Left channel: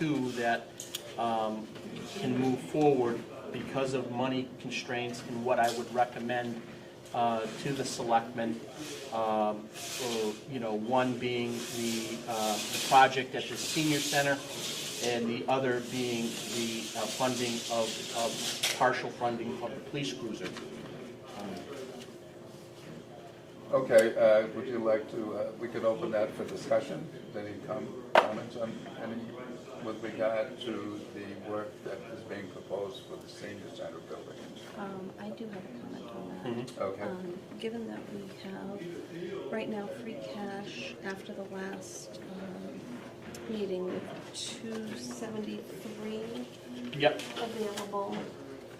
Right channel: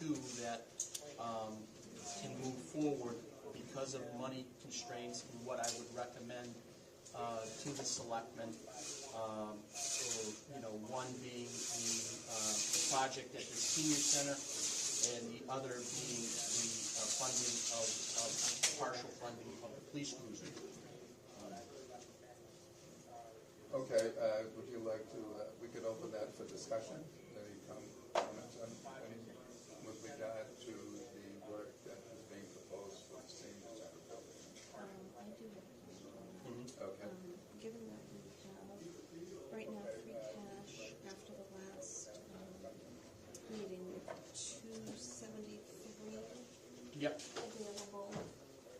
two that can move forward because of money constraints, and what I would recommend to the selectmen, one being the project at the senior center, and the other being the funding of partial funding of the police cruiser. Okay, would you like to, we could open that for discussion. Any comments on any, with regard to the work that is being proposed for the senior center building? I do have a comment on that. Mm-hmm. Okay. Given that we have, right now, free cash after the last meeting with 273 Yep. available,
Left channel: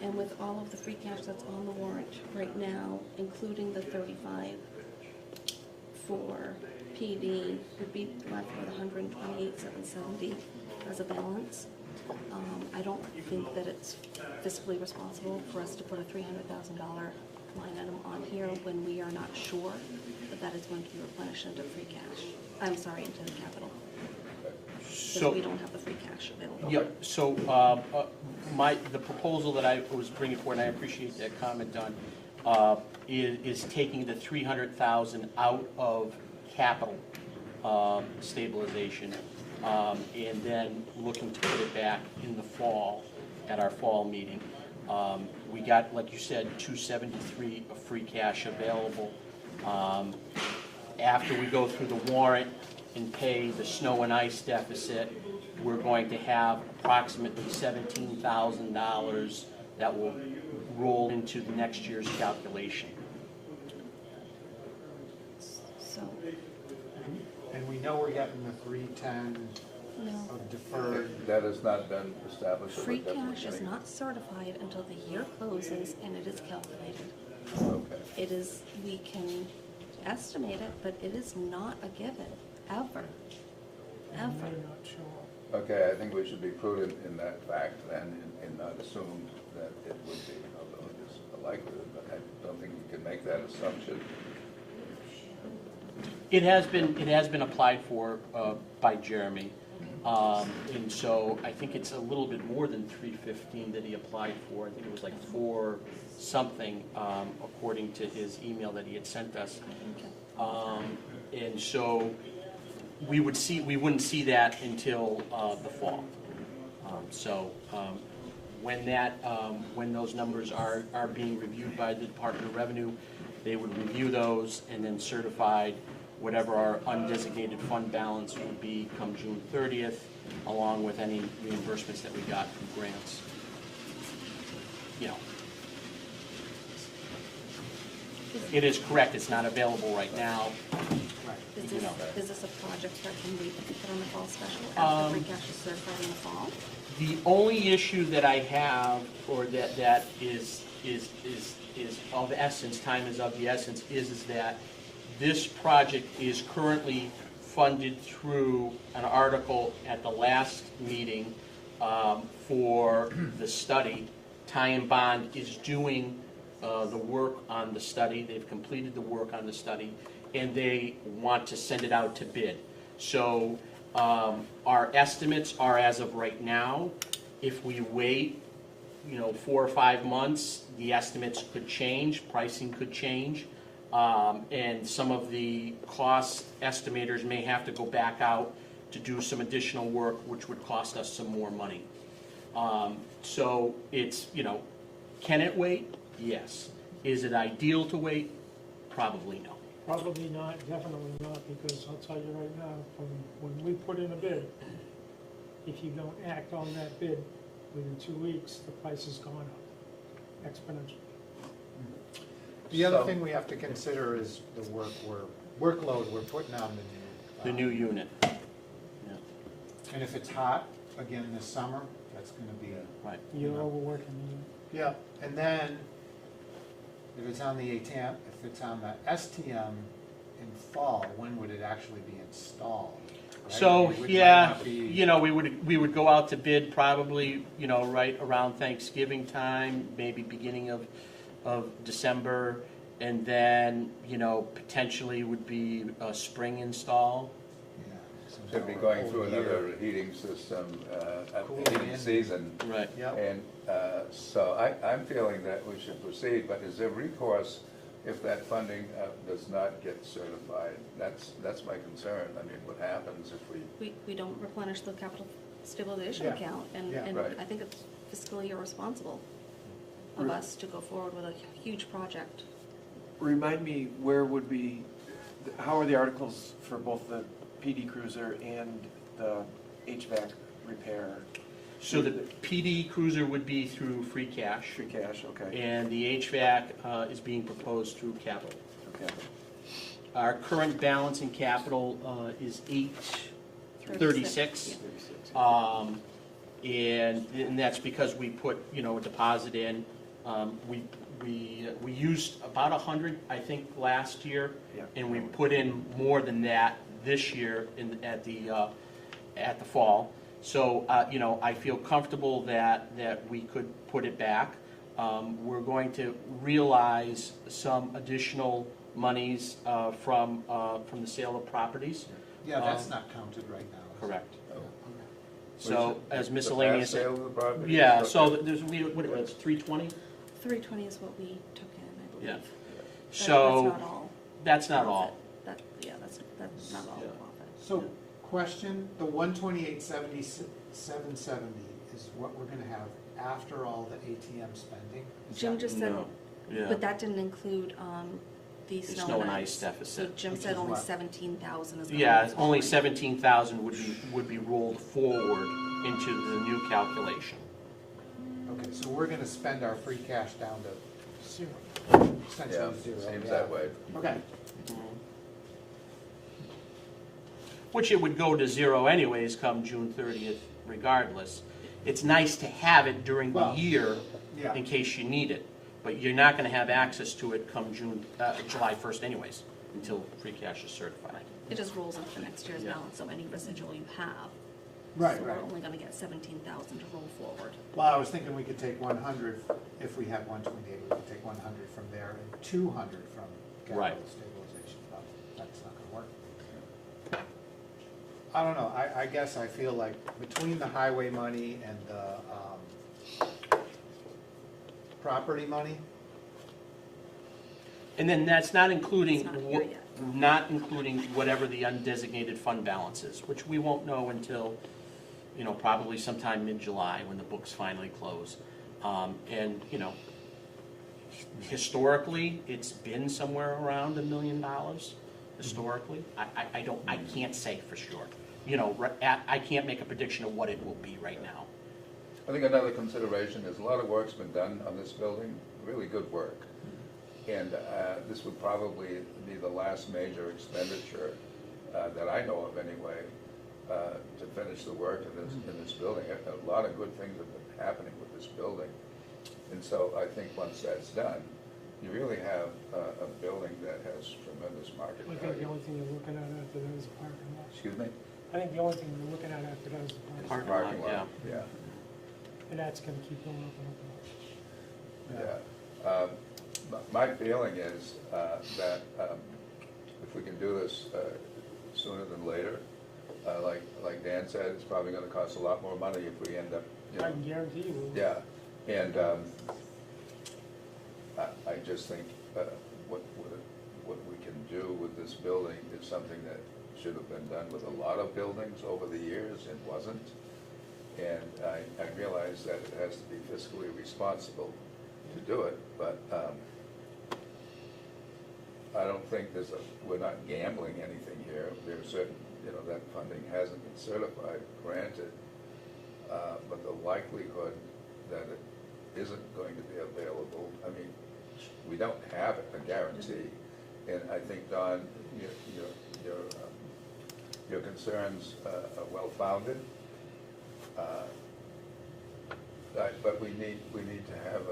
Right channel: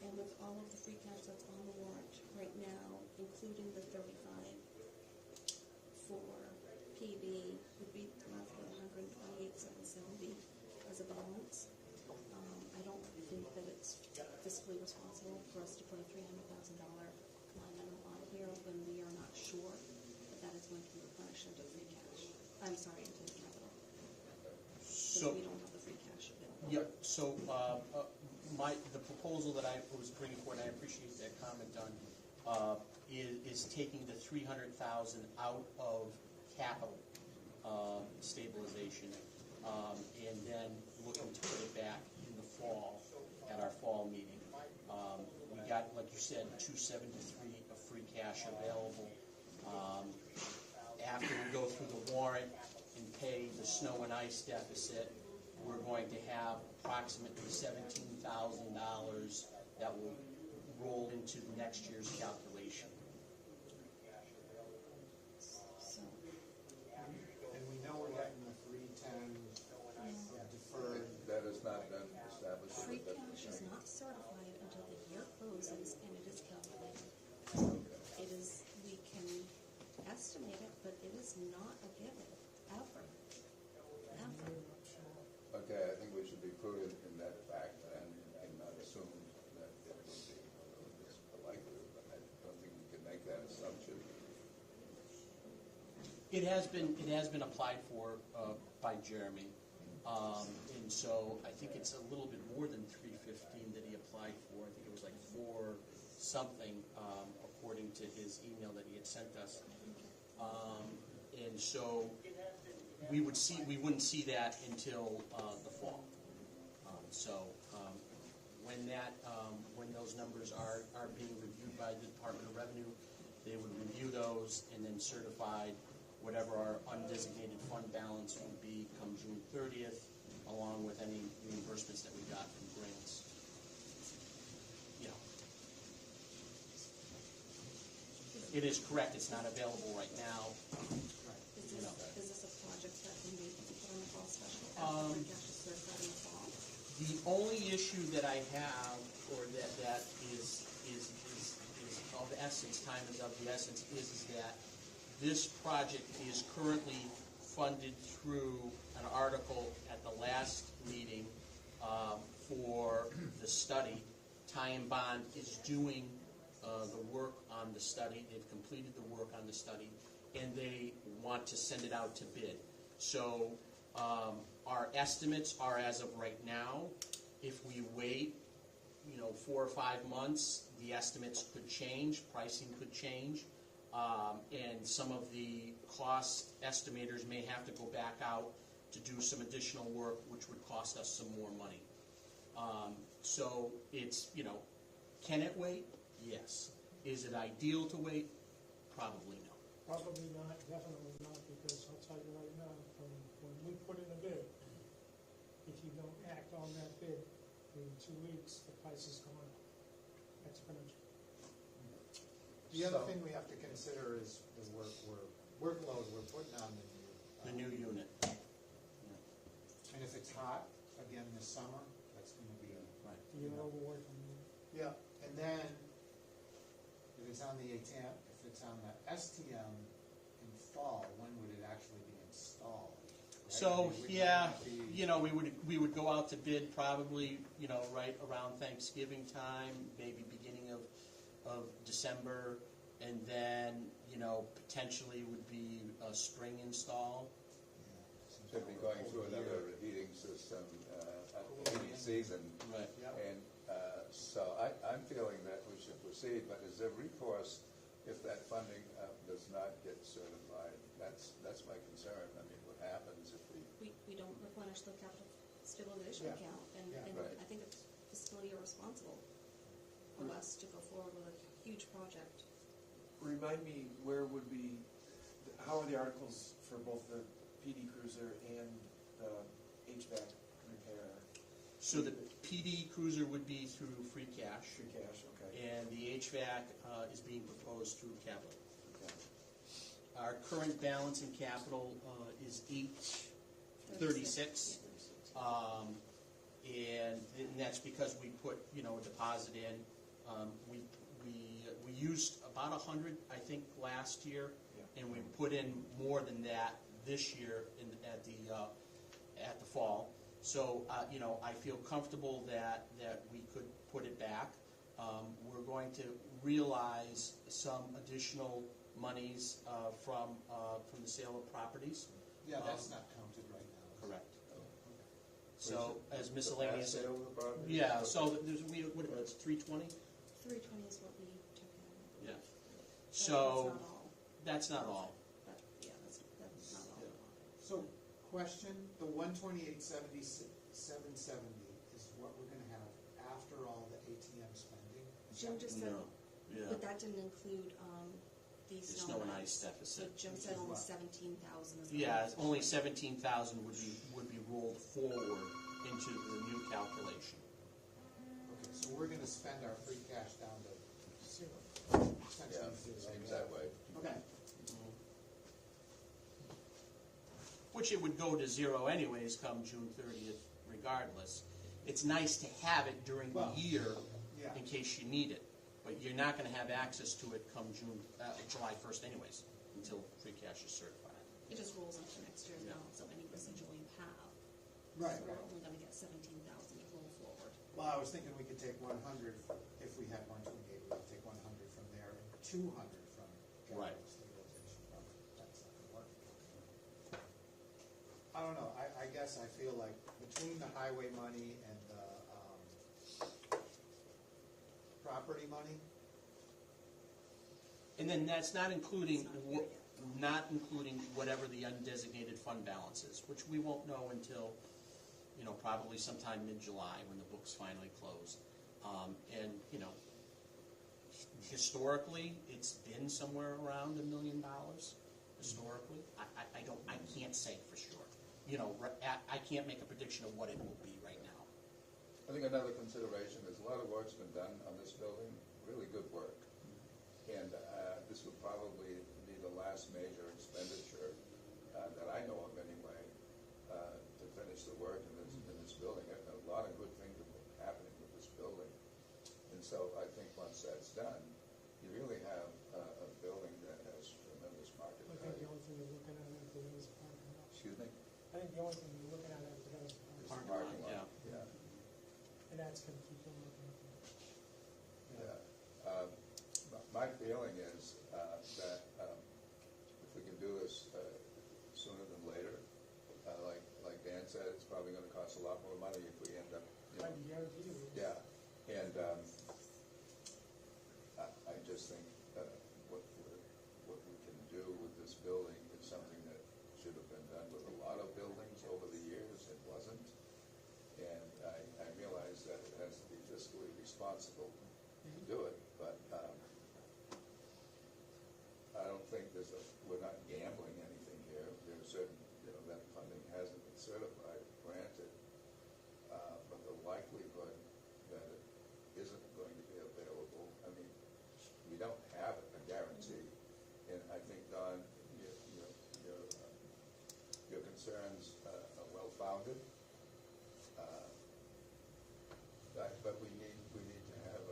and with all of the free cash that's on the warrant right now, including the 35 for PD, would be left with 128,770 as a balance. I don't think that it's fiscally responsible for us to put a $300,000 line item on here when we are not sure that that is going to be replenished into free cash. I'm sorry, into the capital. So Because we don't have the free cash available. yep. So the proposal that I was bringing forward, and I appreciate that comment, Don, is taking the 300,000 out of capital stabilization, and then looking to put it back in the fall at our fall meeting. We got, like you said, 273 of free cash available. After we go through the warrant and pay the snow and ice deficit, we're going to have approximately $17,000 that will roll into the next year's calculation. So, And we know we're getting the 310 no. of deferred. That has not been established. but Free that's what cash we're is getting. not certified until the year closes and it is calculated. Okay. It is, we can estimate it, but it is not a given, ever, ever. Okay, I think we should be prudent in that fact and not assume that it would be, although it is a likelihood, but I don't think you can make that assumption. It has been applied for by Jeremy, and so I think it's a little bit more than 315 that he applied for. I think it was like 4 something, according to his email that he had sent us. And so we wouldn't see that until the fall. When those numbers are being reviewed by the Department of Revenue, they would review those and then certify whatever our undesignated fund balance would be come June 30th, along with any reimbursements that we got from grants. You know, it is correct, it's not available right now. Is You know. this a project that can be put on the fall special after free cash is certified in the fall? The only issue that I have, or that is of essence, time is of the essence, is that this project is currently funded through an article at the last meeting for the study. Ty and Bond is doing the work on the study. They've completed the work on the study, and they want to send it out to bid. So our estimates are, as of right now, if we wait 4 or 5 months, the estimates could change, pricing could change, and some of the cost estimators may have to go back out to do some additional work, which would cost us some more money. So it's, can it wait? Yes. Is it ideal to wait? Probably no. Probably not, definitely not, because I'll tell you right now, from when we put in a bid, if you don't act on that bid within 2 weeks, the price has gone up exponentially. The other So- thing we have to consider is the workload we're putting on The new unit. Yeah, And if it's hot again this summer, that's gonna be, right. You're overworking yeah, and then if it's on the ATM, if it's on the STM in fall, when would it actually be installed? Right? So, It would yeah, not be- we would go out to bid probably, right around Thanksgiving time, maybe beginning of December, and then, potentially would be a spring install. Yeah, so should be or going whole through year. another heating system, Cooling heating in. season. Right. Yep. And so I'm feeling that we should proceed, but is there recourse if that funding does not get certified? That's my concern. I mean, what happens if we, We don't replenish the capital stabilization Yeah. account, and Yeah. Right. I think it's fiscally irresponsible of us to go forward with a huge project. Remind me, where would we, how are the articles for both the PD Cruiser and the HVAC repair? So the PD cruiser would be through free cash, Free cash, okay, and the HVAC is being proposed through capital. okay. Our current balance in capital is 836. 36. And that's because we put, you know, a deposit in. We used about 100, I think, last year, Yeah. and we put in more than that this year at the fall. So, you know, I feel comfortable that we could put it back. We're going to realize some additional monies from the sale of properties. Yeah, that's not counted right now. is it? Correct. Yeah, okay. So as the miscellaneous. past sale of the property? Yeah, so there's, what it was, 320? 320 is what we took in, I believe. Yeah. That's So, not all. that's not all. That, yeah, that's not all Yeah. profit. So, question, the 128,770 is what we're gonna have after all the ATM spending? Is Jim that- just said, No, yeah. but that didn't include the The snow and ice. deficit. So Jim Which said is only what? 17,000 is. Yeah, going only forward. 17,000 would be rolled forward into the new calculation. Okay, so we're gonna spend our free cash down to Zero. essentially Yeah, zero. seems yeah. that way. Okay, Which it would go to zero anyways come June 30th regardless. It's nice to have it during the Well, year yeah. in case you need it, but you're not gonna have access to it come July 1st anyways, until free cash is certified. It just rolls into the next year's Yeah. balance, so any residual you have. Right, So right. we're only gonna get 17,000 to roll forward. Well, I was thinking we could take 100, if we had 128, we could take 100 from there and 200 from Right. capital stabilization, but that's not gonna work. I don't know, I guess I feel like between the highway money and the property money, And then that's not including, It's not here yet. not including whatever the undesignated fund balance is, which we won't know until, you know, probably sometime mid-July when the books finally close. And, you know, historically, it's been somewhere around $1 million, historically. I can't say for sure. You know, I can't make a prediction of what it will be right now. I think another consideration is a lot of work's been done on this building, really good work. And this would probably be the last major expenditure that I know of anyway, to finish the work in this building. A lot of good things have been happening with this building. And so I think once that's done, you really have a building that has tremendous market I think the value. only thing you're looking at after that is the parking lot. Excuse me? I think the only thing you're looking at after that is the parking lot. Parking lot, Yeah, And that's gonna keep going up and up and up. yeah. My feeling is that if we can do this sooner than later, like Dan said, it's probably gonna cost a lot more money if we end up, you I know. can guarantee you. will. Yeah, and I just think what we can do with this building is something that should have been done with a lot of buildings over the years and wasn't. And I realize that it has to be fiscally responsible to do it, but I don't think we're not gambling anything here. There's certain, you know, that funding hasn't been certified, granted, but the likelihood that it isn't going to be available, I mean, we don't have a guarantee. And I think, Don, your concerns are well-founded. But we need to have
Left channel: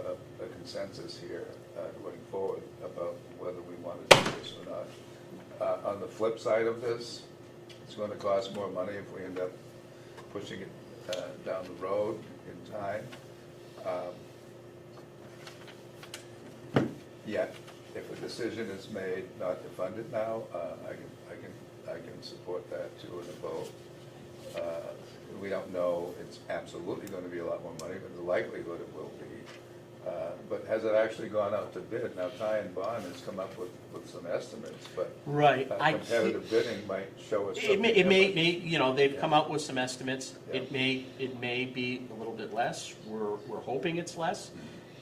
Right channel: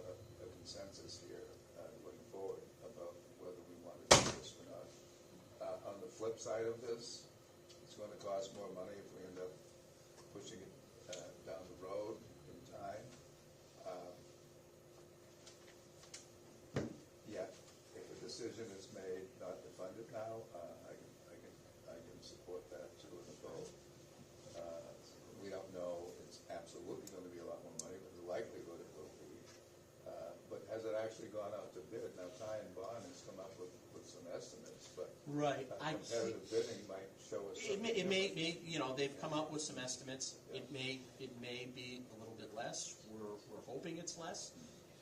a consensus here going forward about whether we want to do this or not. On the flip side of this, it's going to cost more money if we end up pushing it down the road in time. Yet, if a decision is made not to fund it now, I can support that too in a vote. We don't know it's absolutely gonna be a lot more money, but the likelihood it will be. But has it actually gone out to bid? Now, Ty and Bond has come up with some estimates, but Right, I can't, competitive bidding might show us it something may, different. you know, they've come out with some estimates. Yeah. It may be a little bit less. We're hoping it's less.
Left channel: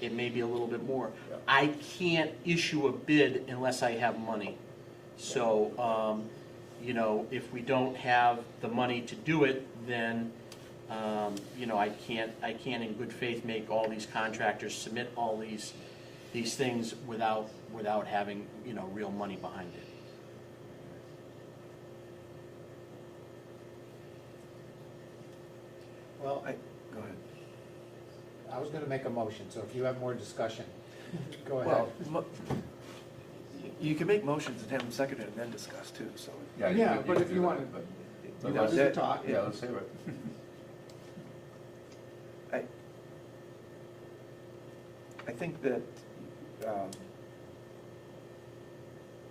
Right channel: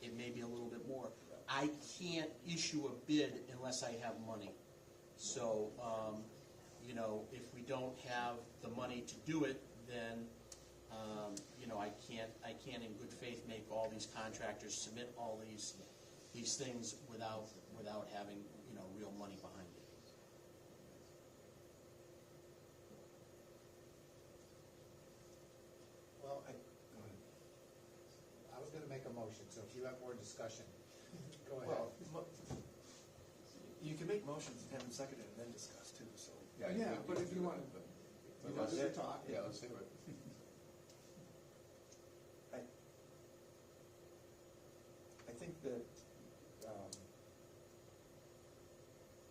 It may be a little bit more. Yeah. I can't issue a bid unless I have money. So, you know, if we don't have the money to do it, then, you know, I can't in good faith make all these contractors submit all these things without having, you know, real money behind it. Well, Go ahead. I was gonna make a motion, so if you have more discussion, go ahead. Well, you can make motions and have them seconded and then discuss too, so. you Yeah, could- but could if do you that, want- but- He Okay. wants to talk. Yeah, let's hear it. I think that,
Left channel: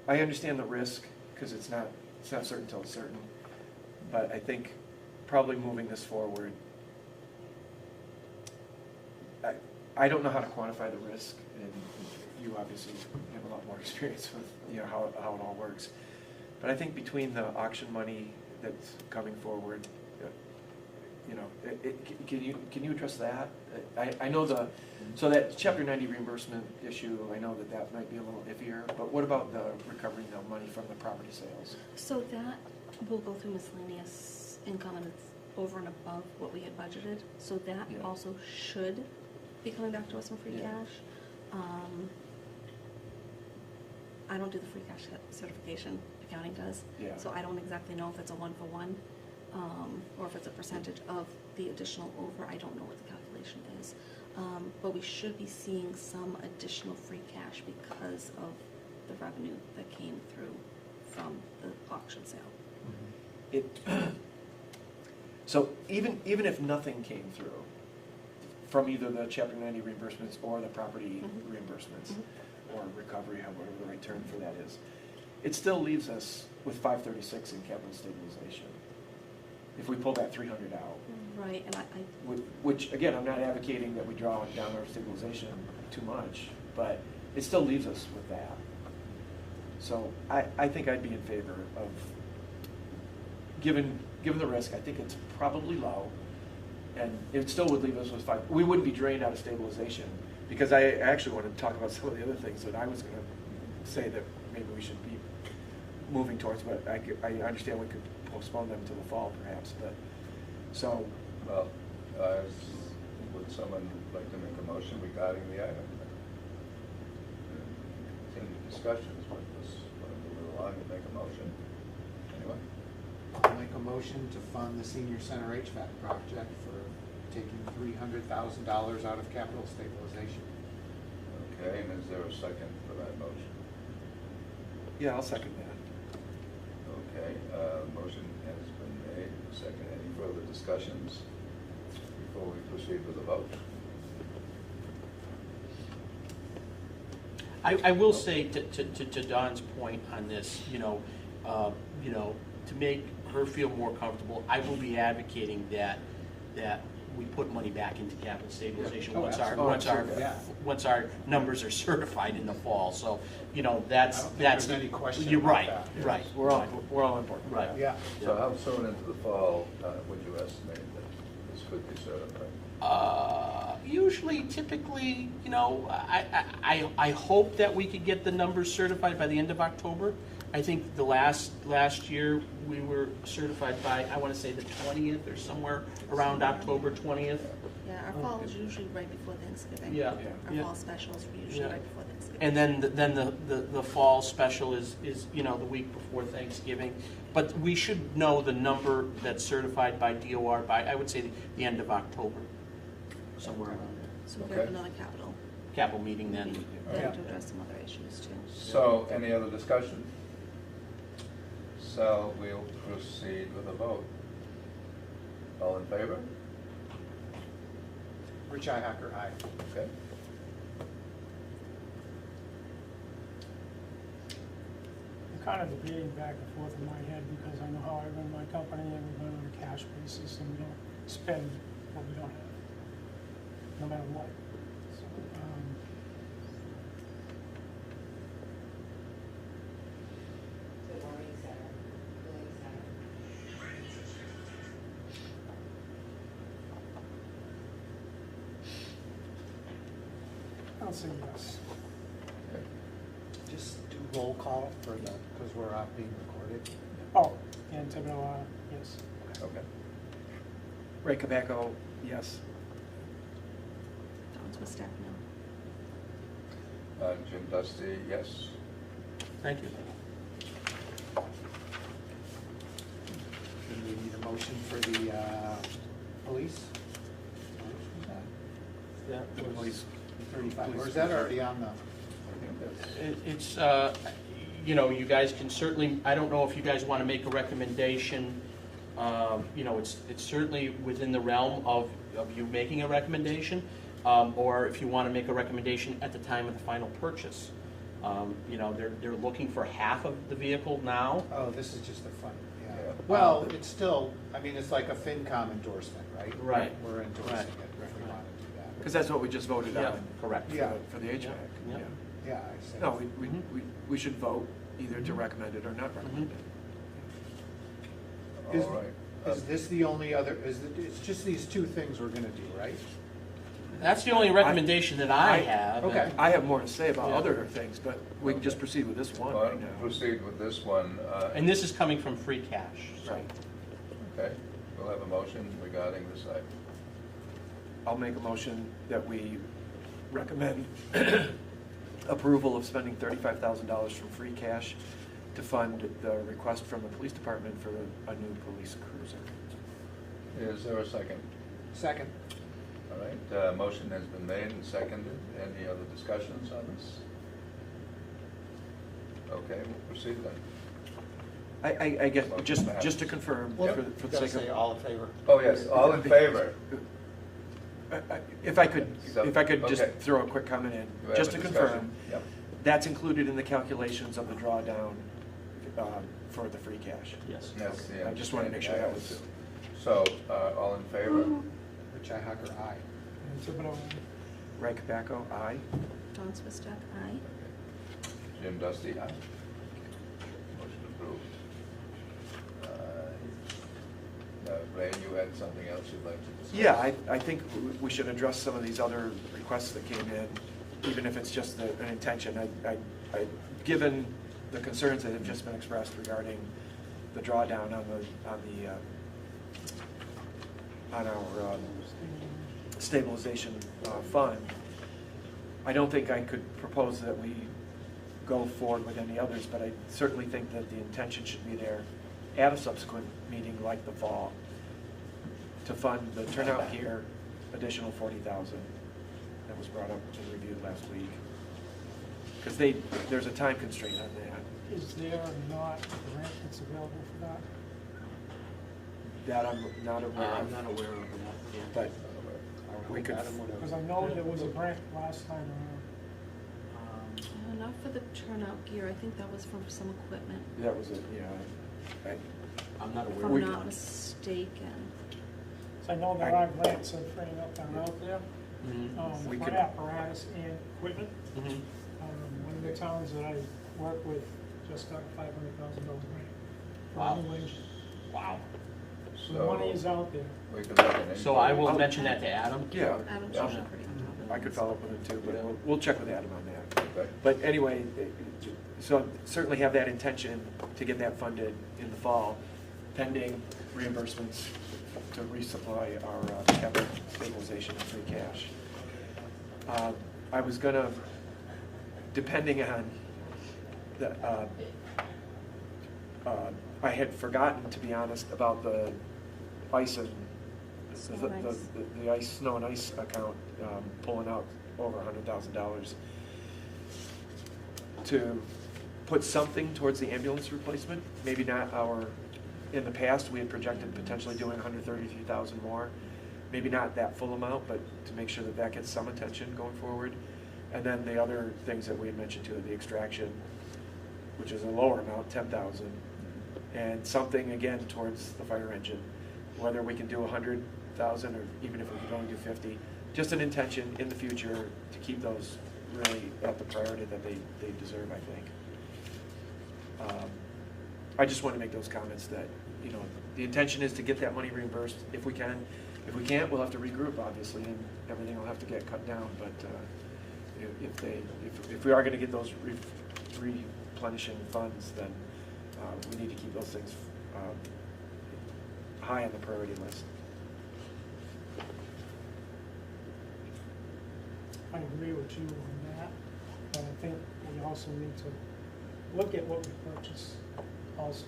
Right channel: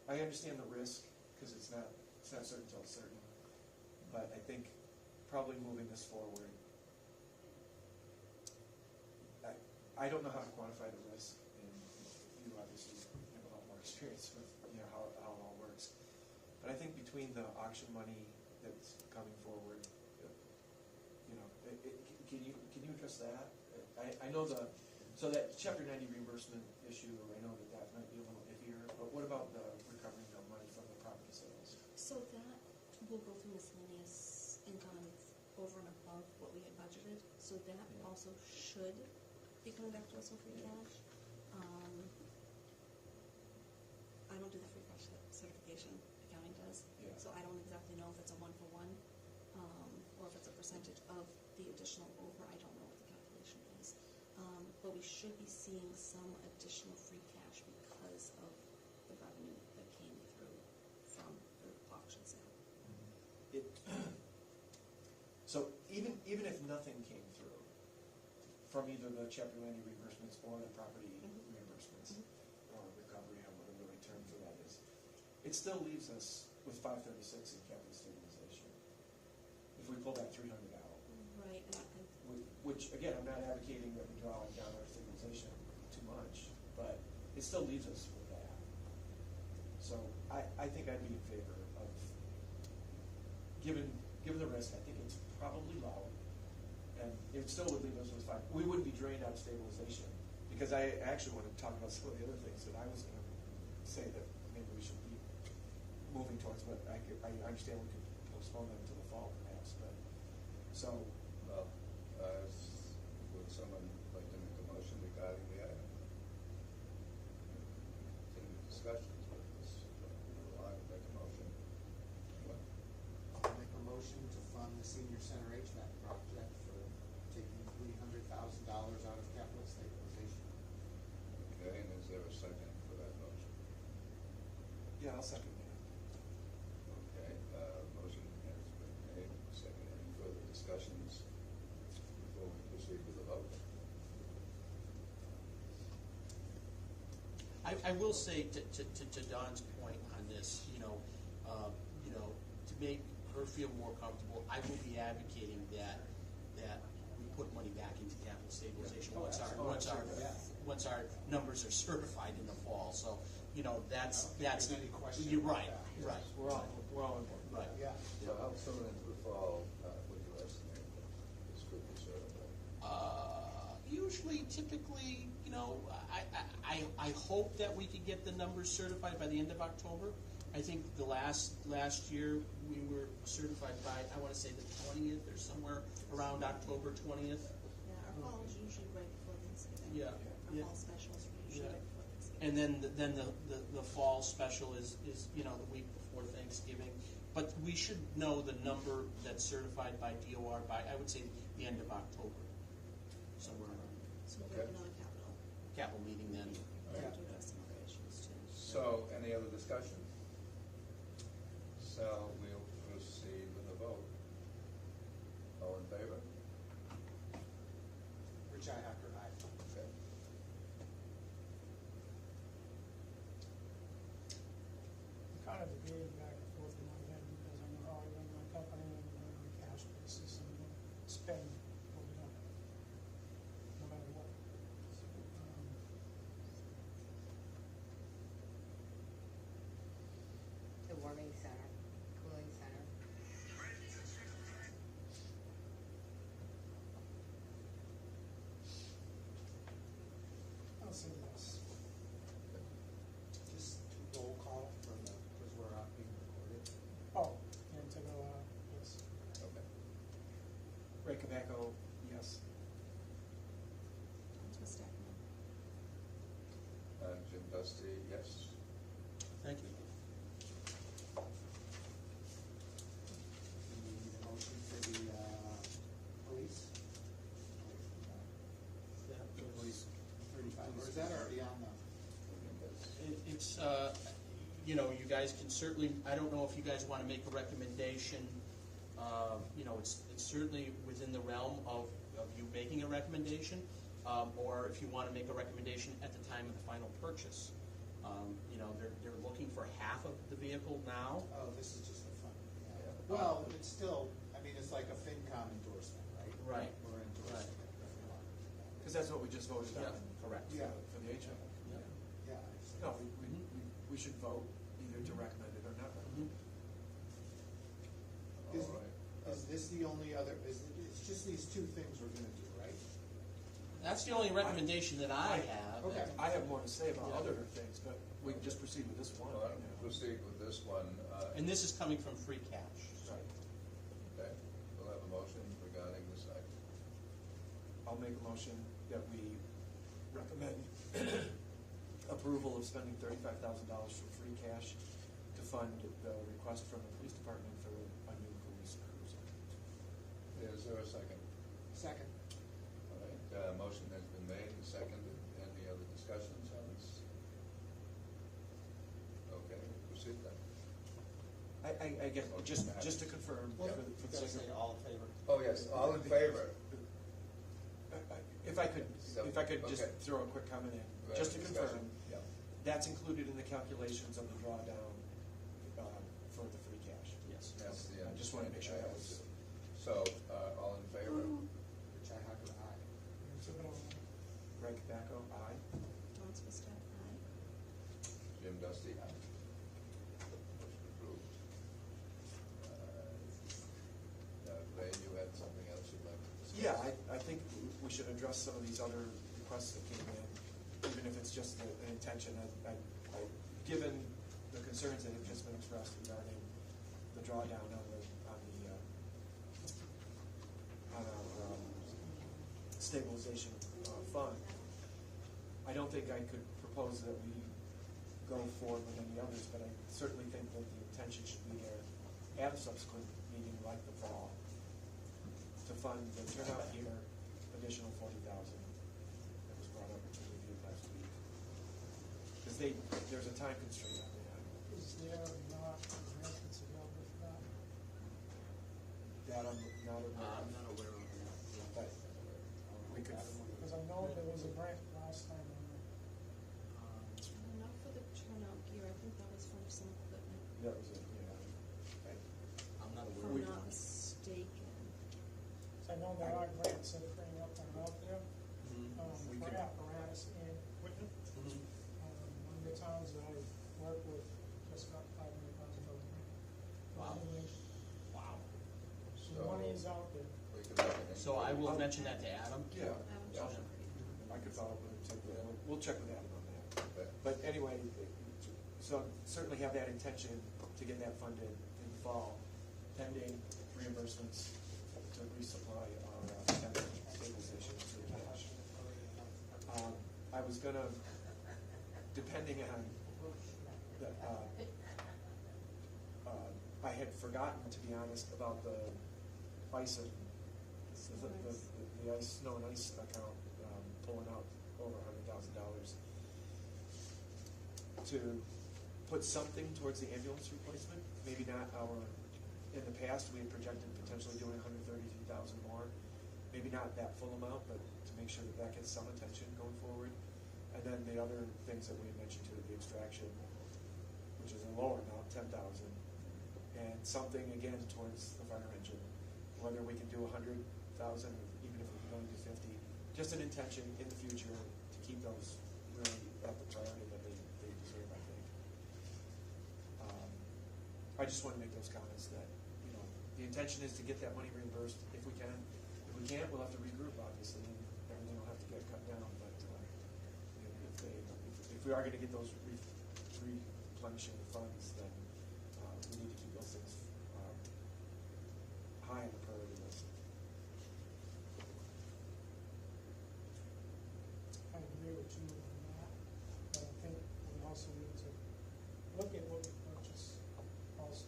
I understand the risk, because it's not certain till it's certain, but I think probably moving this forward, I don't know how to quantify the risk, and you obviously have a lot more experience with, you know, how it all works. But I think between the auction money that's coming forward, you know, can you address that? I know so that Chapter 90 reimbursement issue, I know that might be a little iffier, but what about the recovering the money from the property sales? So that will go through miscellaneous income, and it's over and above what we had budgeted, so that Yeah. also should be coming back to us in free Yeah. cash. I don't do the free cash certification, accounting does. Yeah. So I don't exactly know if it's a one-for-one, or if it's a percentage of the additional over, I don't know what the calculation is. But we should be seeing some additional free cash because of the revenue that came through from the auction sale. So even if nothing came through from either the Chapter 90 reimbursements or the property Mhm. reimbursements, Mhm. or recovery, whatever the right term for that is, it still leaves us with 536 in capital stabilization. If we pull that 300 out, Right, and I, which, again, I'm not advocating that we draw down our stabilization too much, but it still leaves us with that. So I think I'd be in favor of, given the risk, I think it's probably low, and it still would leave us with we wouldn't be drained out of stabilization, because I actually want to talk about some of the other things that I was gonna say that maybe we should be moving towards, but I understand we could postpone them to the fall perhaps, but, so, Well, would someone like to make a motion regarding the item? Continue discussions, but let's move along and make a motion. Anyone? I'll make a motion to fund the senior center HVAC project for taking $300,000 out of capital stabilization. Okay, and is there a second for that motion? yeah, I'll second that. Okay, motion has been made, second. Any further discussions before we proceed with the vote? I will say to Don's point on this, you know, to make her feel more comfortable, I will be advocating that we put money back into capital stabilization Yeah. Oh, absolutely. Yeah. once our numbers are certified in the fall. So, you know, I that's. don't think there's any question You're about right, that. right. We're all on board. Right. Yeah. So how soon into the fall would you estimate that this could be certified? Usually, typically, you know, I hope that we could get the numbers certified by the end of October. I think the last year, we were certified by, I want to say the 20th or somewhere around October 20th. yeah, our fall is usually right before Thanksgiving. Yeah. Our Yeah. fall specials are usually Yeah. right before Thanksgiving. And then the fall special is, you know, the week before Thanksgiving. But we should know the number that's certified by DOR by, I would say, the end of October, somewhere around there. So we're gonna have Okay. another Capital meeting then. meeting Yeah. to address some other issues too. So, any other discussion? So, we'll proceed with a vote. All in favor? Rich Hacker, aye. kind of debating back and forth in my head because I know how I run my company and we run on a cash basis and we don't spend what we don't have, no matter what. So, I'll say yes. Just do roll call for the, because we're being recorded. Oh, and Thibodeau, yes. Okay. Ray Cabaco, yes. Dawn Swistak, no. Jim Dusty, yes. Thank you. Do we need a motion for the police? That was- Please. 35, or is that already on the? I think that's, It's, you know, you guys can certainly, I don't know if you guys want to make a recommendation. You know, it's certainly within the realm of you making a recommendation, or if you want to make a recommendation at the time of the final purchase. You know, they're looking for half of the vehicle now. Oh, this is just the fund, yeah. Yeah. Well, it's still, I mean, it's like a FinCom endorsement, right? Right. We're endorsing Right. it if we want to do that. Because that's what we just voted Yeah, on. correct. for Yeah. the- For the HVAC, Yeah. yeah. Yeah, I see. No, we Mhm. should vote either to Mhm. recommend it or not recommend it. Is- all right. Is this the only other, it's just these two things we're gonna do, right? That's the only recommendation that I have. Okay. I have more to say about Yeah. other things, but we can just proceed with this one Well, right now. proceed with this one. And this is coming from free cash. so- Right. Okay, we'll have a motion regarding this item. I'll make a motion that we recommend approval of spending $35,000 from free cash to fund the request from the police department for a new police cruiser. Is there a second? Second. All right, motion has been made and seconded. Any other discussions on this? Okay, we'll proceed then. I guess, just to confirm, Well, for the sake of. all in favor. Oh, yes, all in favor? If I could just Okay. throw a quick comment You in, have just a to discussion? confirm, Yep. that's included in the calculations of the drawdown for the free cash. Yes. That's the I just wanted to make sure that was- understanding I have too. So, all in favor? Richi Hacker, aye. And Thibodeau, Ray Cabaco, aye. Dawn Swistak, aye. Jim Dusty, aye. Motion approved. Ray, you had something else you'd like to discuss? Yeah, I think we should address some of these other requests that came in, even if it's just an intention. Given the concerns that have just been expressed regarding the drawdown on our stabilization fund, I don't think I could propose that we go forward with any others, but I certainly think that the intention should be there at a subsequent meeting like the fall to fund the turnout gear, additional $40,000 that was brought up and reviewed last week. Because there's a time constraint on that. is there not a grant that's available for that? That I'm not aware I'm of, not aware of that. yeah. but we could, Because I know there was a grant last time around. Not for the turnout gear, I think that was from some equipment, that was it, yeah. I'm not if aware I'm of not that. mistaken. So I know there are grants that are freeing up that are out there, Mhm. We for could- apparatus and equipment. Mhm. One of the towns that I work with just got a $500,000 grant. for Wow. a new engine. Wow. So the money is So, out there. we could look at So I will inquiry. mention that to Adam. Yeah. Adam Yeah. should be pretty on top of I could it. follow up with it too, but we'll check with Adam on that. Okay. But anyway, so certainly have that intention to get that funded in the fall, pending reimbursements to resupply our capital stabilization and free cash. I was gonna, depending on the, I had forgotten, to be honest, about the ice and, Snow and ice. the ice, snow and ice account, pulling out over $100,000 to put something towards the ambulance replacement, maybe not in the past, we had projected potentially doing 133,000 more, maybe not that full amount, but to make sure that that gets some attention going forward. And then the other things that we had mentioned too, the extraction, which is a lower amount, 10,000, and something again towards the fire engine, whether we can do 100,000 or even if we can only do 50, just an intention in the future to keep those really at the priority that they deserve, I think. I just want to make those comments that, you know, the intention is to get that money reimbursed if we can. If we can't, we'll have to regroup, obviously, and everything will have to get cut down, but if we are gonna get those replenishing funds, then we need to keep those things high on the priority list. I agree with you on that, but I think we also need to look at what we purchase also.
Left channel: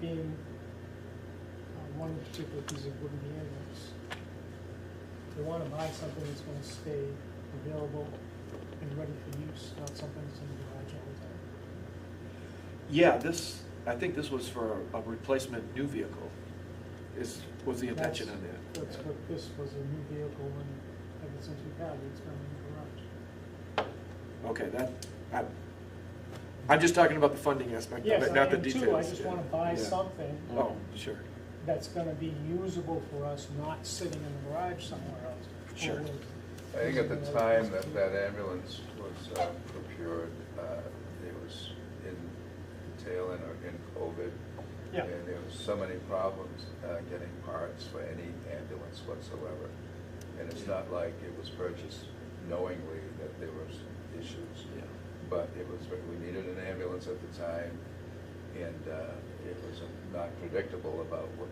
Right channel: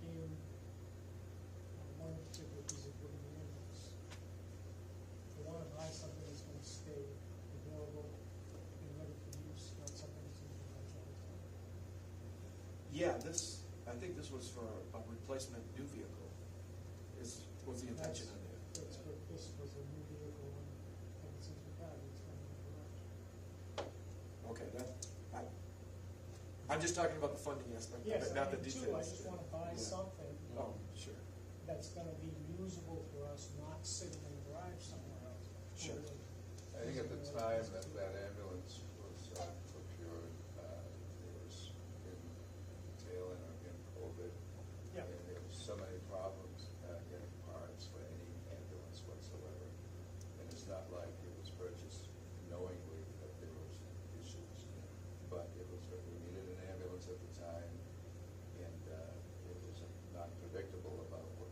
Being one particular piece of wooden ambulance. We want to buy something that's going to stay available and ready for use, not something that's in the garage all the time. Yeah, I think this was for a replacement new vehicle, was the intention on that. That's what this was, a new vehicle, and ever since we've had it, it's been in the garage. Okay, I'm just talking about the funding aspect of Yes, it, I not the am details. too, I just want to buy Yeah. something Oh, sure. that's going to be usable for us, not sitting in the garage somewhere else. Sure. Or I think at the using time another that ambulance was procured, it was in tail end or in COVID. Yeah. And there was so many problems getting parts for any ambulance whatsoever. And it's not like it was purchased knowingly that there were some issues. Yeah. But it was, we needed an ambulance at the time, and it was not predictable about what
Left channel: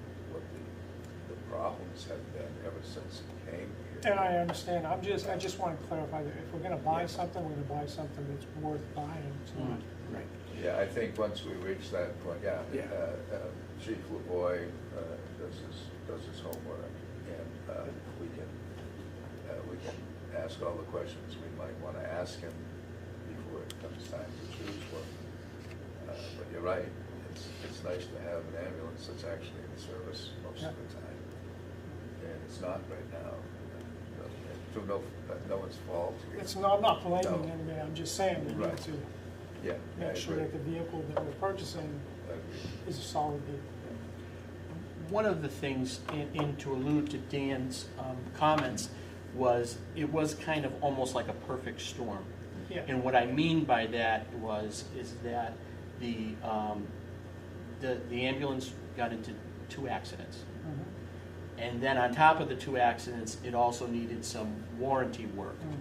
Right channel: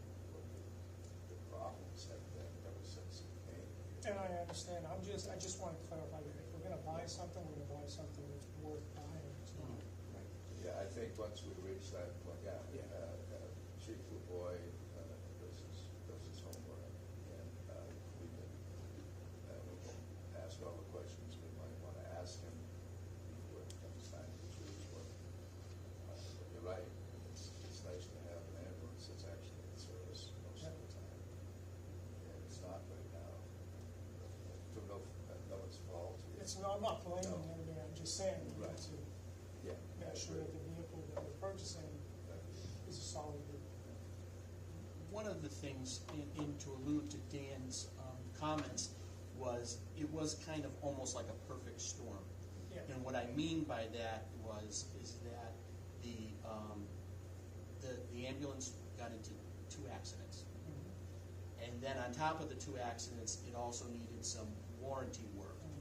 the problems have been ever since it came here. And I understand, I just want to clarify that if we're gonna buy something, we're gonna buy something that's worth buying, it's not. Right. Yeah, I think once we reach that point, Yeah. Chief LaVoy does his homework, and we can ask all the questions we might want to ask him before it comes time to choose one. But you're right, it's nice to have an ambulance that's actually in service most of the time, and it's not right now. Through no one's fault. It's not, I'm not blaming No. anybody, I'm just saying we Right. need to Yeah, I make sure agree. that the vehicle that we're purchasing I agree. is a solid vehicle. One of the things, in to allude to Dan's comments, was it was kind of almost like a perfect storm. Yeah. And what I mean by that is that the ambulance got into 2 accidents. Mhm. And then on top of the 2 accidents, it also needed some warranty work. Mhm.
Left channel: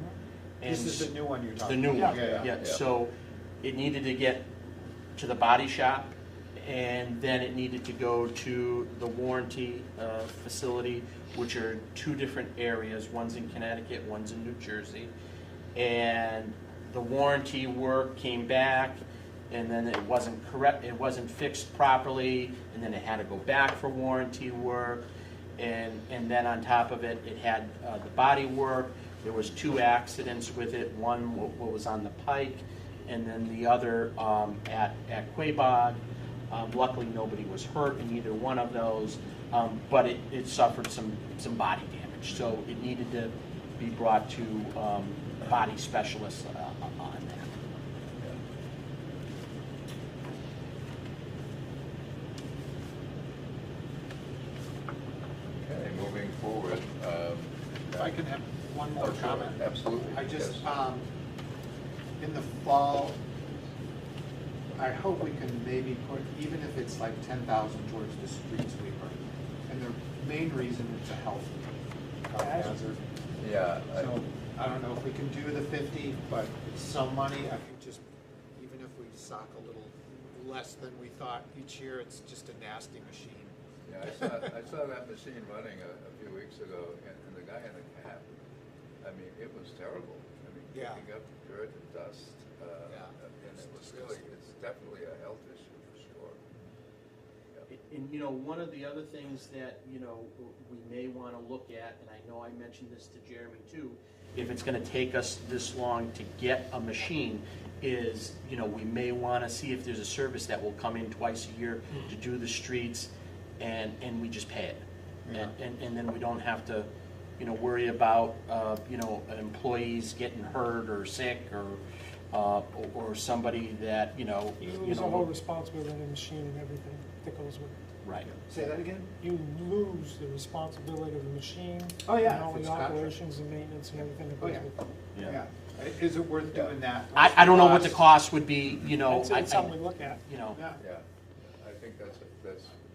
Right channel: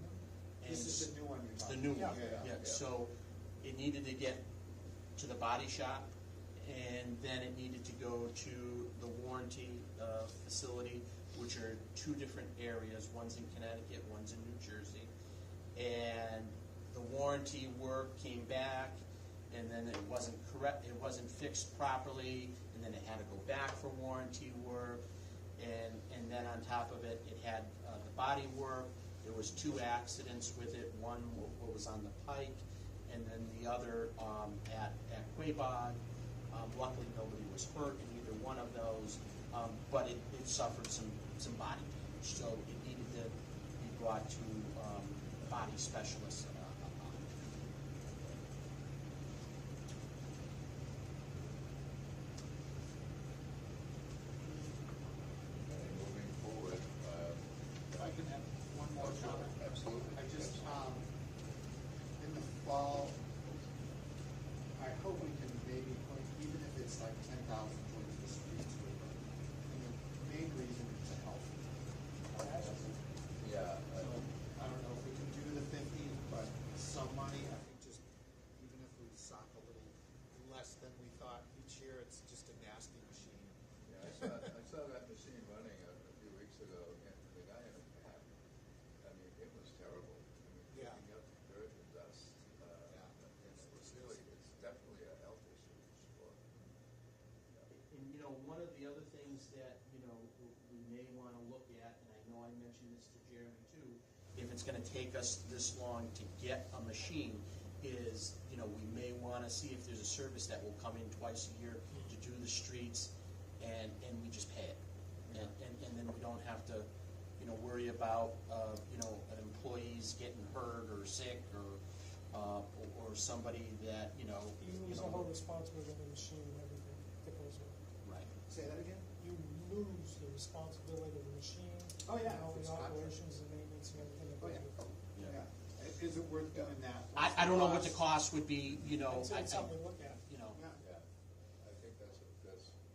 And This is the new one you're the talking new about? one, Yeah. yeah, so it needed to get to the body shop, and then it needed to go to the warranty facility, which are 2 different areas, one's in Connecticut, one's in New Jersey. And the warranty work came back, and then it wasn't correct, it wasn't fixed properly, and then it had to go back for warranty work. And then on top of it, it had the body work. There was 2 accidents with it, one what was on the Pike, and then the other at Quabog. Luckily, nobody was hurt in either one of those, but it suffered some body damage, so it needed to be brought to body specialists on that. Okay, moving forward. If I can have one more Oh, sure, comment. absolutely, I just, yes. in the fall, I hope we can maybe put, even if it's like 10,000 towards the street sweeper. And the main reason it's a health hazard. Yeah, So, I don't know if we can do the 50, but it's some money, I think just, even if we sock a little less than we thought each year, it's just a nasty machine. yeah, I saw that machine running a few weeks ago, and the guy in the cab, I mean, it was terrible. I mean, Yeah. picking up dirt and dust, and it was really, it's definitely a health issue for sure. Yeah. And, one of the other things that, we may want to look at, and I know I mentioned this to Jeremy too, if it's going to take us this long to get a machine, is, we may want to see if there's a service that will come in twice a year to do the streets, and we just pay it. Yeah. And then we don't have to, worry about, employees getting hurt or sick or, or somebody that, you know. You you lose the know, whole responsibility of the machine and everything that goes with it. Right. Say that again? You lose the responsibility of the machine. Oh, yeah, And all if the it's contract. operations and maintenance and everything that Oh, goes yeah. with it. Yeah. Is it worth doing that? I don't know what the Cost? cost would be, you know. I'd say it's something we look at. You know, Yeah. Yeah, I think that's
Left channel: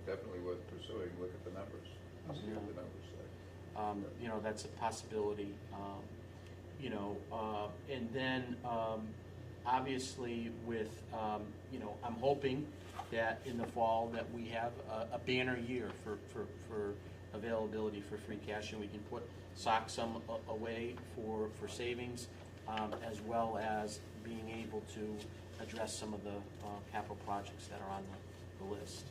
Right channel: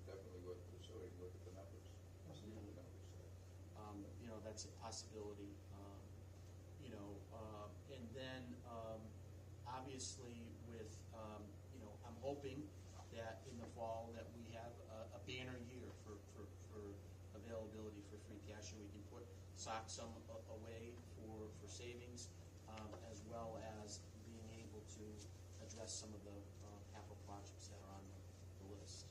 definitely worth pursuing, look at the numbers, see what the numbers say. you know, that's a possibility, you know, and then, obviously with, you know, I'm hoping that in the fall that we have a banner year for availability for free cash, and we can sock some away for savings, as well as being able to address some of the capital projects that are on the list.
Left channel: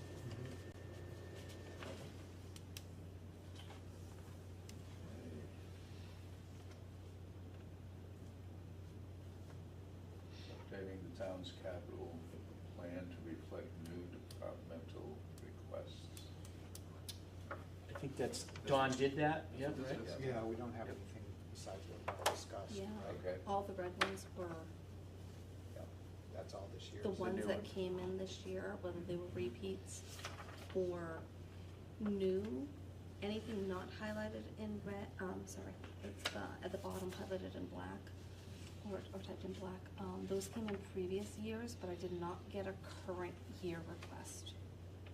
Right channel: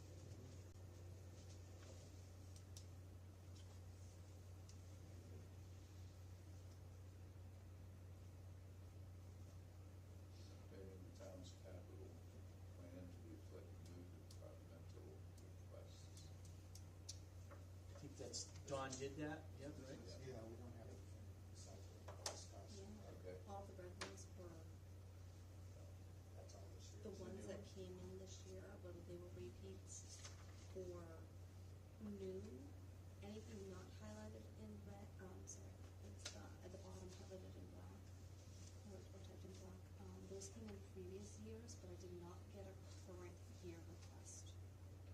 Updating the town's capital plan to reflect new departmental requests. I think that's, Dawn did that, yep, right? Yeah, we don't have anything besides what we discussed. Yeah. Okay. All the red ones were Yeah, that's all this year. the the ones new that ones. came in this year, whether they were repeats or new. Anything not highlighted in red, sorry, it's, at the bottom highlighted in black, or typed in black. Those came in previous years, but I did not get a current year request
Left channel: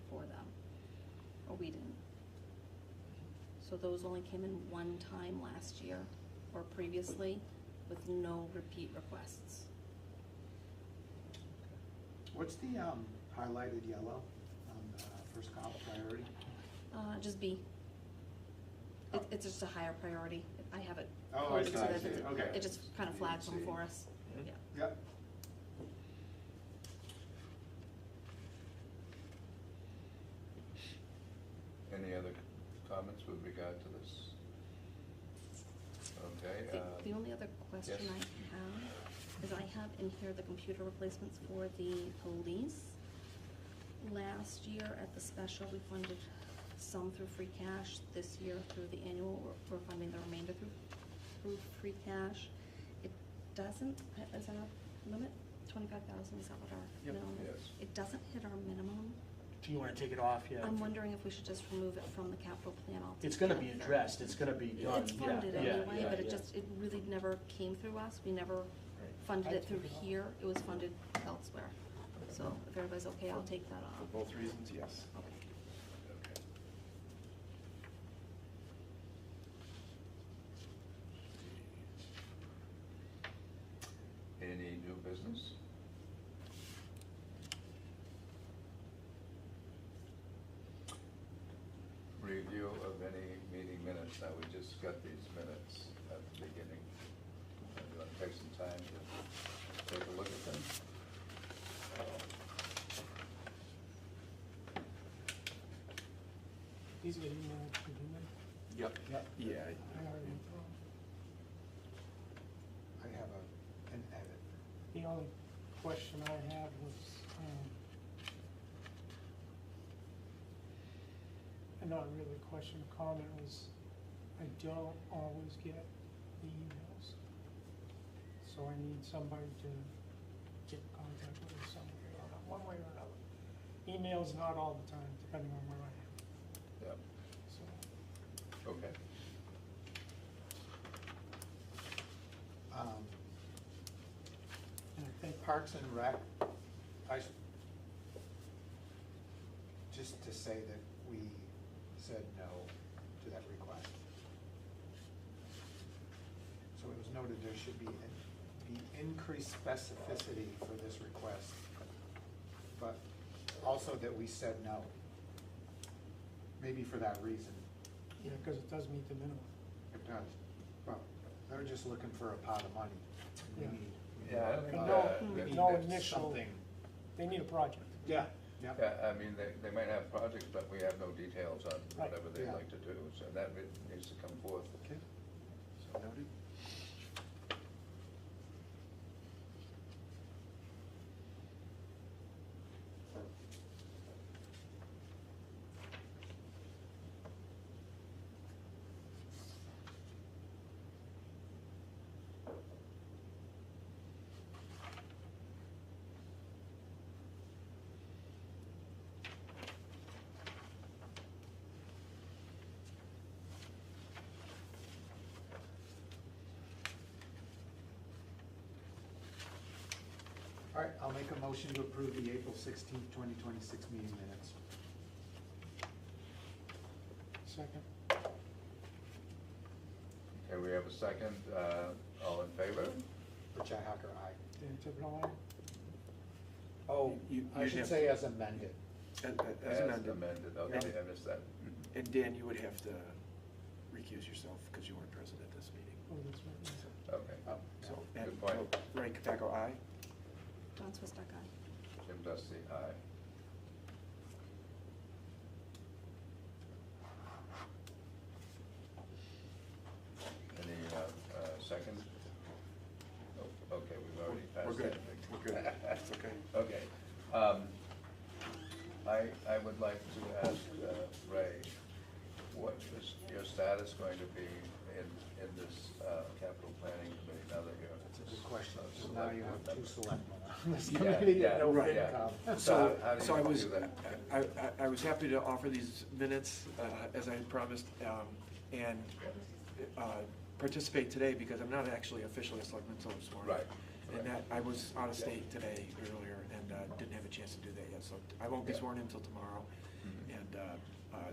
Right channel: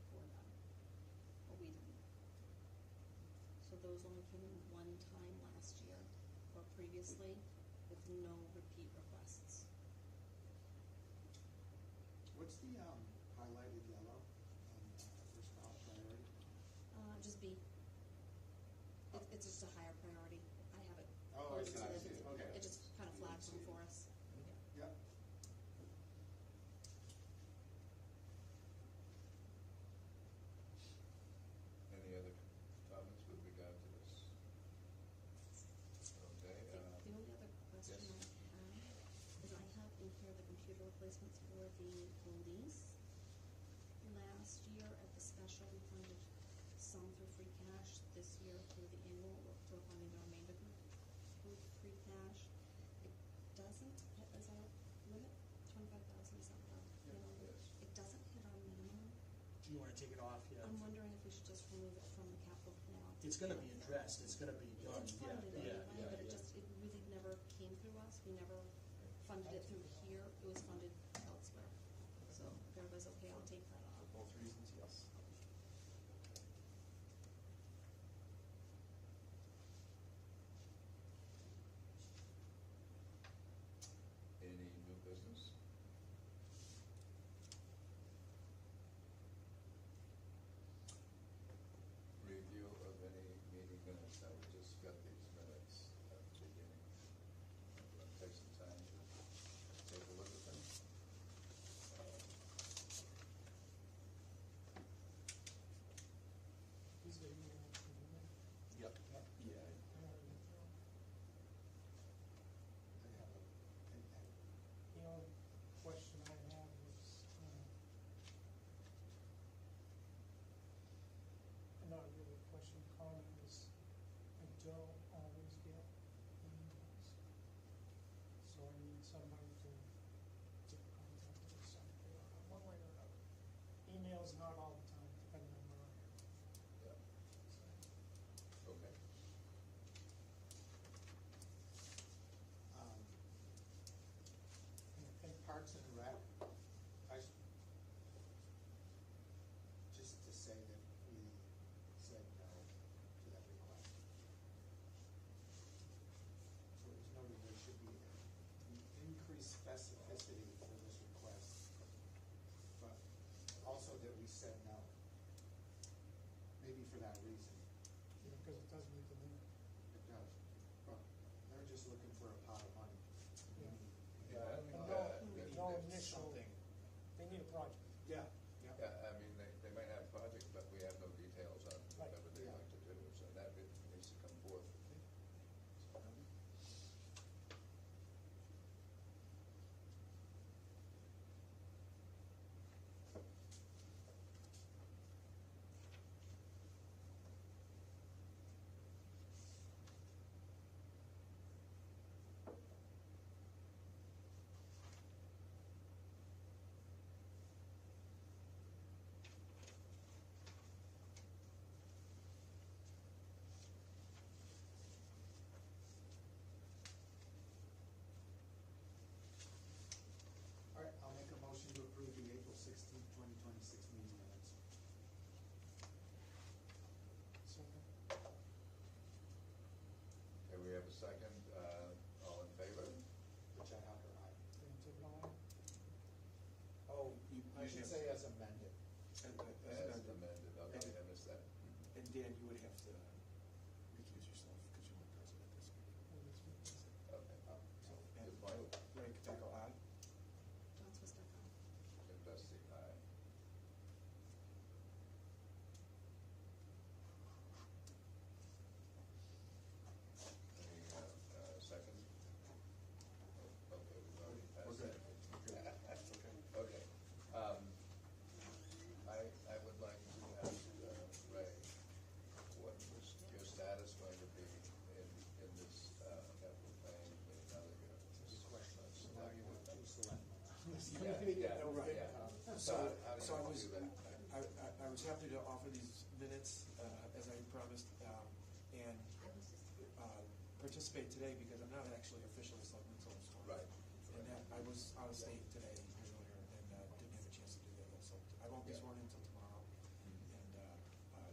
for them, or we didn't. So those only came in one time last year, or previously, with no repeat requests. What's the highlighted yellow on first column priority? Just B. It's just a higher priority. I have it Oh, I coded see, so I that see. Okay. it just kind of flags them See. for us. Yeah. Yep. Any other comments with regard to this? Okay, The only other question yes. I have is I have in here the computer replacements for the police. Last year at the special, we funded some through free cash. This year through the annual, we're funding the remainder through free cash. It doesn't, is our limit 25,000, is that what our Yep. minimum? Yes. It doesn't hit our minimum. Do you wanna take it off, yeah? I'm wondering if we should just remove it from the capital plan altogether. It's gonna be addressed, it's gonna be done, It's yeah, funded yeah, anyway, yeah, but it yeah. just, it really never came through us. We never funded it through here. It was funded elsewhere. So if everybody's okay, I'll take that For off. both reasons, yes. Okay. Okay. Any new business? Review of any meeting minutes. Now, we just got these minutes at the beginning. You want to take some time to take a look at them? These are emailed to you, man. Yep. Yep. Yeah, I already, I have an edit. the only question I had was, and not really a question, comment was, I don't always get the emails. So I need somebody to get in contact with me some way or another, one way or another. Emails not all the time, depending on where I am, Yeah, so. okay. And I think Parks and Rec, just to say that we said no to that request. So it was noted there should be increased specificity for this request, but also that we said no. Maybe for that reason, yeah, because it does meet the minimum. it does. Well, they're just looking for a pot of money. We Yeah. need- Yeah, I don't think, we that- need no that initial- something. They need a project. Yeah, yeah. Yeah, I mean, they might have projects, but we have no details on Right. whatever they'd Yeah. like to do, so that needs to come forth. Okay. so noted. All right, I'll make a motion to approve the April 16th, 2026 meeting minutes. Second. Okay, we have a second, all in favor? Richi Hacker, aye. Dan Tipton, aye. Oh, I you'd should have- say as amended. As amended. Okay, I missed that. And Dan, you would have to recuse yourself because you weren't present at this meeting. Oh, that's right. Okay, Oh, So, Good and point. Ray Capaco, aye. John Swistock, aye. Jim Dusty, aye. Any, second? Oh, okay, we've already passed We're good, that. we're good, that's okay. Okay, I would like to ask Ray, what is your status going to be in this capital planning committee now that you're? That's a good question. a So now you select have board two member? selectmen on this Yeah, committee yeah, and no right, FinCom. So, how do so I you was, do that? I was happy to offer these minutes, as I had promised, and participate today because I'm not actually officially a selectman until this morning. Right. And that, I was out of state today earlier and didn't have a chance to do that yet, so I won't be Yeah. sworn in until tomorrow. Mhm. And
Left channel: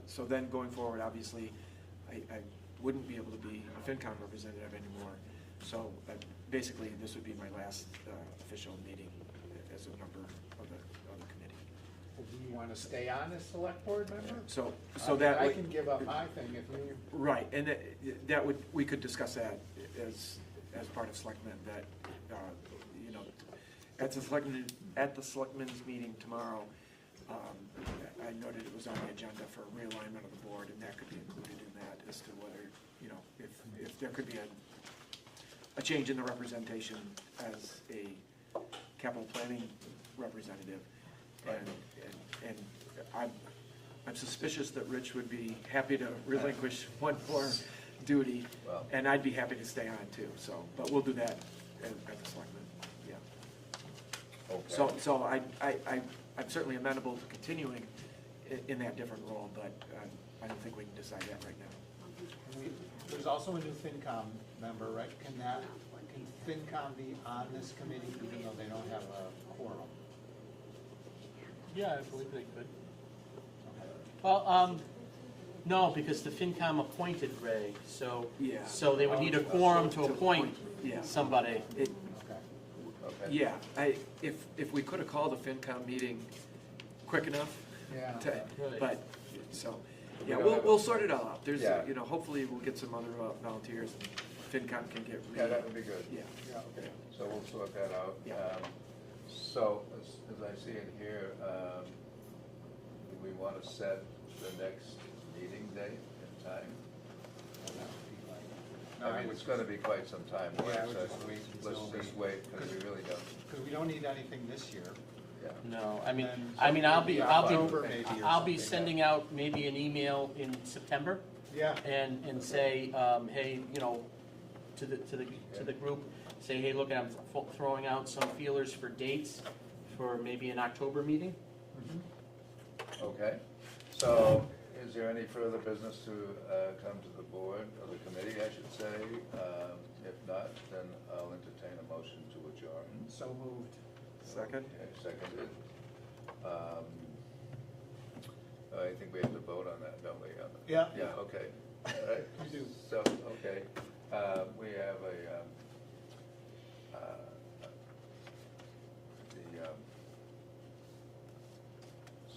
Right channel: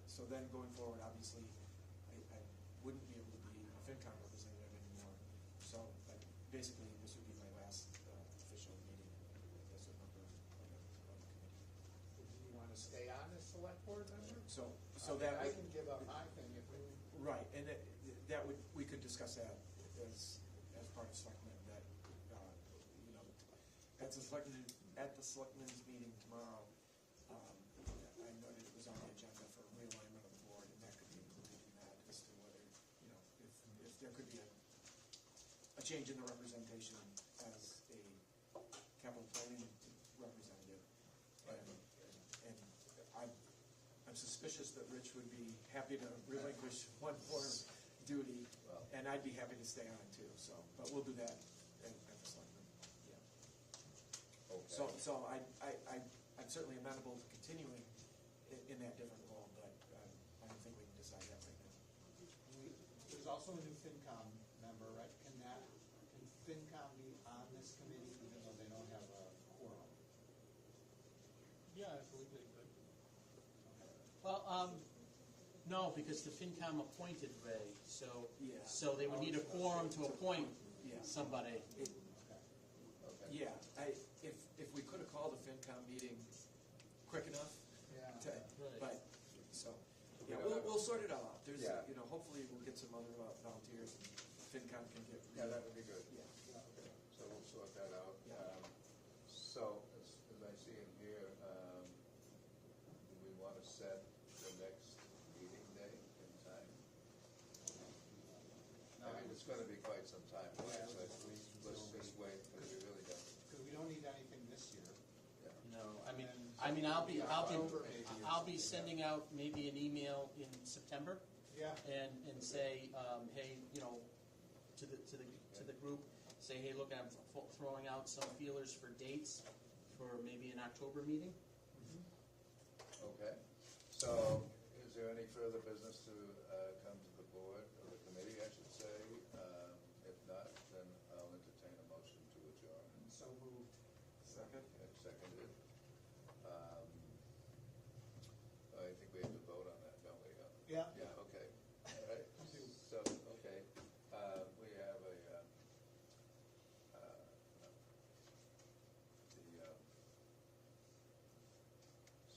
so then going forward, obviously, I wouldn't be able to be a FinCom representative anymore. So basically, this would be my last official meeting as a member of the committee. Do you want to stay on as select board member? So I mean, that I would- can give up my thing if you, Right, and that would, we could discuss that as part of selectmen, that, you know, at the selectmen's meeting tomorrow, I noted it was on the agenda for realignment of the board, and that could be included in that as to whether, you know, if there could be a change in the representation as a capital planning representative. And I'm suspicious that Rich would be happy to relinquish one more duty, Well- and I'd be happy to stay on too, so, but we'll do that at the selectmen, yeah. Okay. So I'm certainly amenable to continuing in that different role, but I don't think we can decide that right now. there's also a new FinCom member, right? Can FinCom be on this committee even though they don't have a quorum? Yeah, I believe they could. Okay. Well, no, because the FinCom appointed Ray, so, Yeah. so they would need a quorum to appoint Yeah. somebody. It, Okay. Okay. Yeah, if we could have called a FinCom meeting quick enough. Yeah. Right. But, so, We yeah, don't have a- we'll sort it all out. There's, Yeah. you know, hopefully we'll get some other volunteers and FinCom can get. Yeah, that would be good. Yeah. Yeah, okay. So we'll sort that out. Yeah. So, as I see in here, do we want to set the next meeting date and time? And that would be like- No, I mean, it's going to be quite some time. Yeah, I would so just wait Let's until just we- wait, because we really don't, Because we don't need anything this year. yeah. No, And I'll be, October maybe or I'll be something. sending out maybe an email in September Yeah. and say, hey, you know, to the group, say, hey, look, I'm throwing out some feelers for dates for maybe an October meeting. Mhm. Okay, so is there any further business to come to the board, or the committee, I should say? If not, then I'll entertain a motion to adjourn. So moved. Second? Okay, seconded. I think we have to vote on that, don't we? Yeah. Yeah, okay. All right. We do. So, okay, we have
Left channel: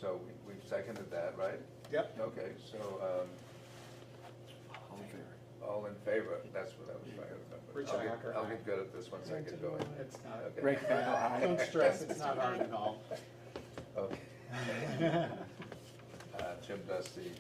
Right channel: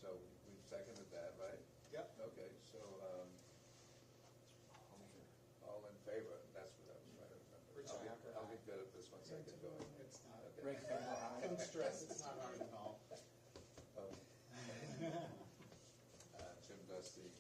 so we've seconded that, right? Yep. Okay, so, All in favor? all in favor, that's what I was trying to Rich remember. Hacker, I'll aye. get good at this once I get going. It's not, Okay. Ray Capaco, aye. don't stress, it's not hard at all. Okay. Jim Dusty,